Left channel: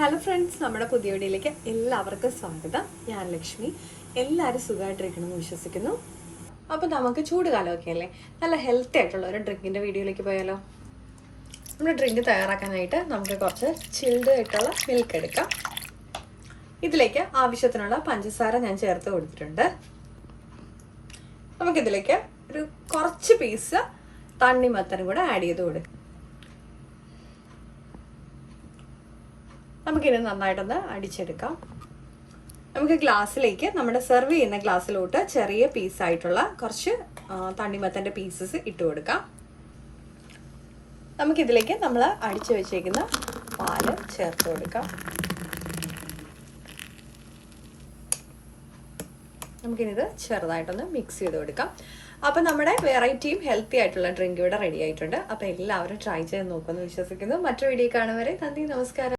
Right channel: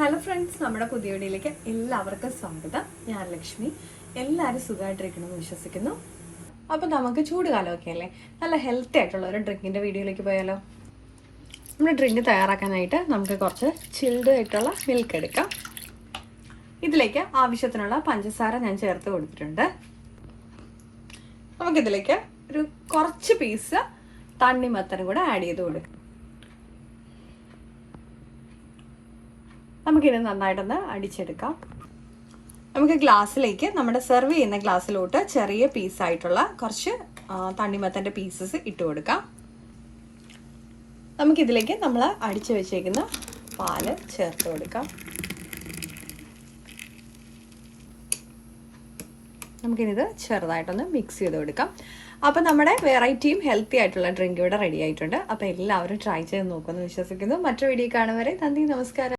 Hello friends, നമ്മുടെ പുതിയ വീഡിയോയിലേക്ക് എല്ലാവർക്കും സ്വാഗതം. ഞാൻ ലക്ഷ്മി. എല്ലാവരും സുഖമായിട്ടിരിക്കണമെന്ന് വിശ്വസിക്കുന്നു. അപ്പോൾ നമുക്ക് ചൂടുകാലമൊക്കെ അല്ലേ, നല്ല ഹെൽത്തി ആയിട്ടുള്ള ഒരു ഡ്രിങ്കിൻ്റെ വീഡിയോയിലേക്ക് പോയാലോ. നമ്മുടെ ഡ്രിങ്ക് തയ്യാറാക്കാനായിട്ട് നമുക്ക് കുറച്ച് ചിൽഡ് ആയിട്ടുള്ള മിൽക്ക് എടുക്കാം. ഇതിലേക്ക് ആവശ്യത്തിനുള്ള പഞ്ചസാര ഞാൻ ചേർത്ത് കൊടുത്തിട്ടുണ്ട്. നമുക്കിതിലേക്ക് ഒരു കുറച്ച് പീസ് തണ്ണിമത്തനും കൂടെ ആഡ് ചെയ്ത് കൊടുക്കാം. നമുക്കിത് നന്നായിട്ടൊന്ന് അടിച്ചെടുക്കാം. നമുക്ക് ഗ്ലാസ്സിലേക്ക്, നമ്മുടെ സെർവ് ചെയ്യുന്ന ഗ്ലാസ്സിലോട്ട് ചെറിയ പീസായിട്ടുള്ള കുറച്ച് തണ്ണിമത്തൻ്റെ പീസസ് ഇട്ട് കൊടുക്കാം. നമുക്കിതിലേക്ക് നമ്മൾ അടിച്ചു വെച്ചേക്കുന്ന പാല് ചേർത്ത് കൊടുക്കാം. നമുക്കിത് ചെറുതായിട്ടൊന്ന് മിക്സ് ചെയ്ത് കൊടുക്കാം. അപ്പം നമ്മുടെ വെറൈറ്റിയും ഹെൽത്തി ആയിട്ടുള്ള ഡ്രിങ്ക് ഇവിടെ റെഡി ആയിട്ടുണ്ട്. അപ്പം എല്ലാവരും ട്രൈ ചെയ്ത് നോക്കുമെന്ന് വിശ്വസിക്കുന്നു. മറ്റൊരു വീഡിയോ കാണും വരെ നന്ദി, നമസ്കാരം.